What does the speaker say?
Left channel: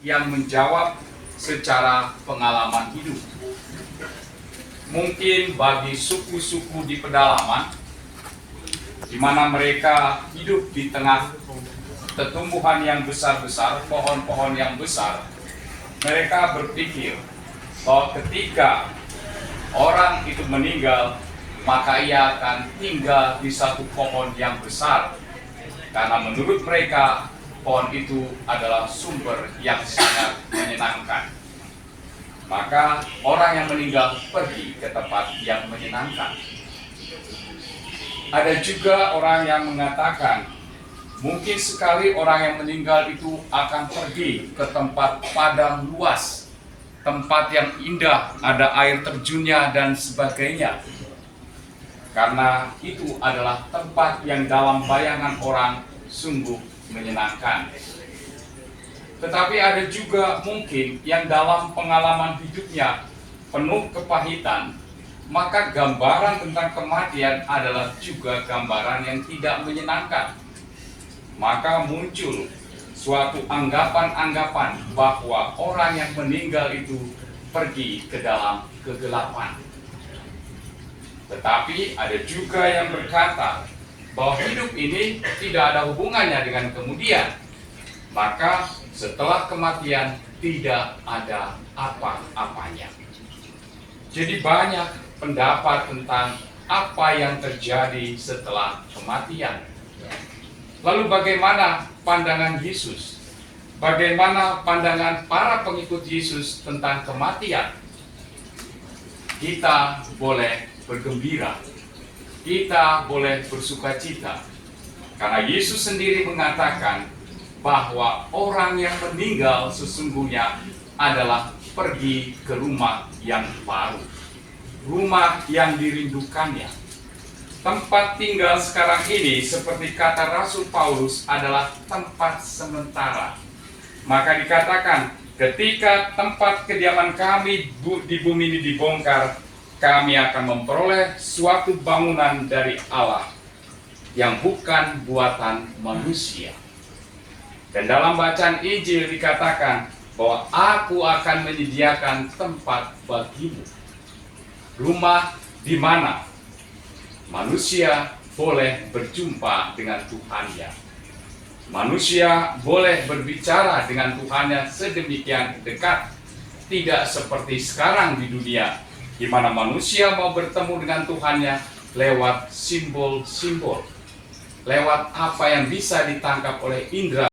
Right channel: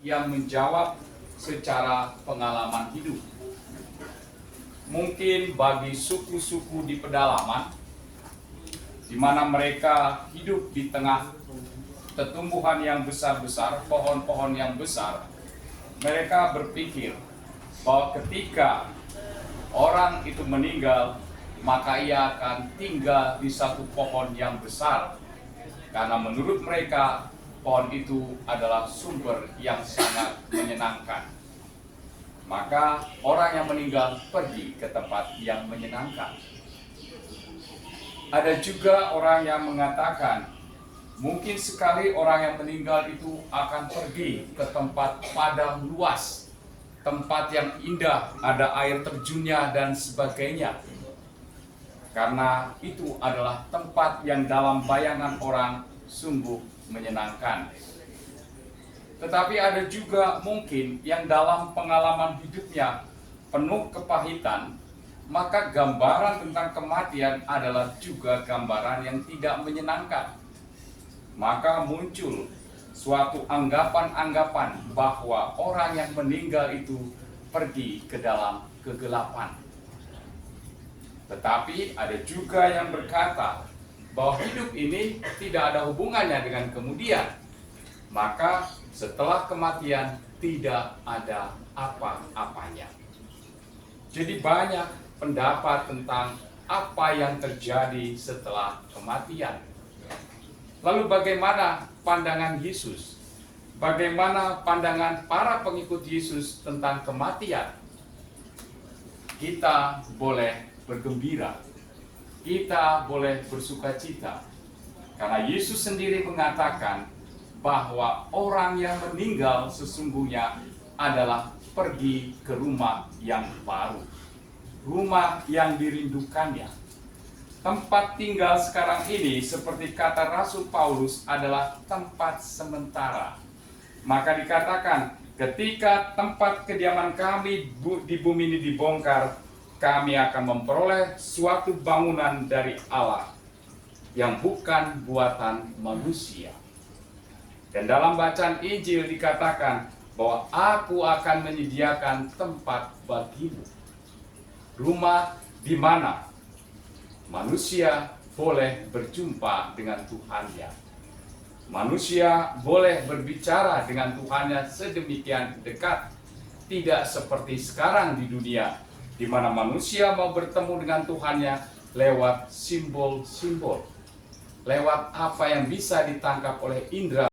yang menjawab secara pengalaman hidup. Mungkin bagi suku-suku di pedalaman, di mana mereka hidup di tengah tumbuhan yang besar-besar, pohon-pohon yang besar, mereka berpikir bahwa ketika orang itu meninggal, maka ia akan tinggal di satu pohon yang besar. Karena menurut mereka, pohon itu adalah sumber yang sangat menyenangkan. Maka orang yang meninggal pergi ke tempat yang menyenangkan. Ada juga orang yang mengatakan, mungkin sekali orang yang meninggal itu akan pergi ke tempat padang luas, tempat yang indah, ada air terjunnya dan sebagainya. Karena itu adalah tempat yang dalam bayangan orang sungguh menyenangkan. Tetapi ada juga mungkin yang dalam pengalaman hidupnya penuh kepahitan, maka gambaran tentang kematian adalah juga gambaran yang tidak menyenangkan. Maka muncul suatu anggapan-anggapan bahwa orang yang meninggal itu pergi ke dalam kegelapan. Tetapi ada juga yang berkata bahwa hidup ini tidak ada hubungannya dengan kemudian. Maka setelah kematian tidak ada apa-apanya. Jadi banyak pendapat tentang apa yang terjadi setelah kematian. Lalu bagaimana pandangan Yesus? Bagaimana pandangan para pengikut Yesus tentang kematian? Kita boleh bergembira, kita boleh bersukacita, karena Yesus sendiri mengatakan bahwa orang yang meninggal sesungguhnya adalah pergi ke rumah yang baru, rumah yang dirindukannya. Tempat tinggal sekarang ini, seperti kata Rasul Paulus, adalah tempat sementara. Maka dikatakan, ketika tempat kediaman kami di bumi ini dibongkar, kami akan memperoleh suatu bangunan dari Allah yang bukan buatan manusia. Dan dalam bacaan Injil dikatakan bahwa aku akan menyediakan tempat bagimu. Rumah di mana manusia boleh berjumpa dengan Tuhannya. Manusia boleh berbicara dengan Tuhannya sedemikian dekat. Tidak seperti sekarang di dunia, di mana manusia mau bertemu dengan Tuhannya lewat simbol-simbol, lewat apa yang bisa ditangkap oleh indera.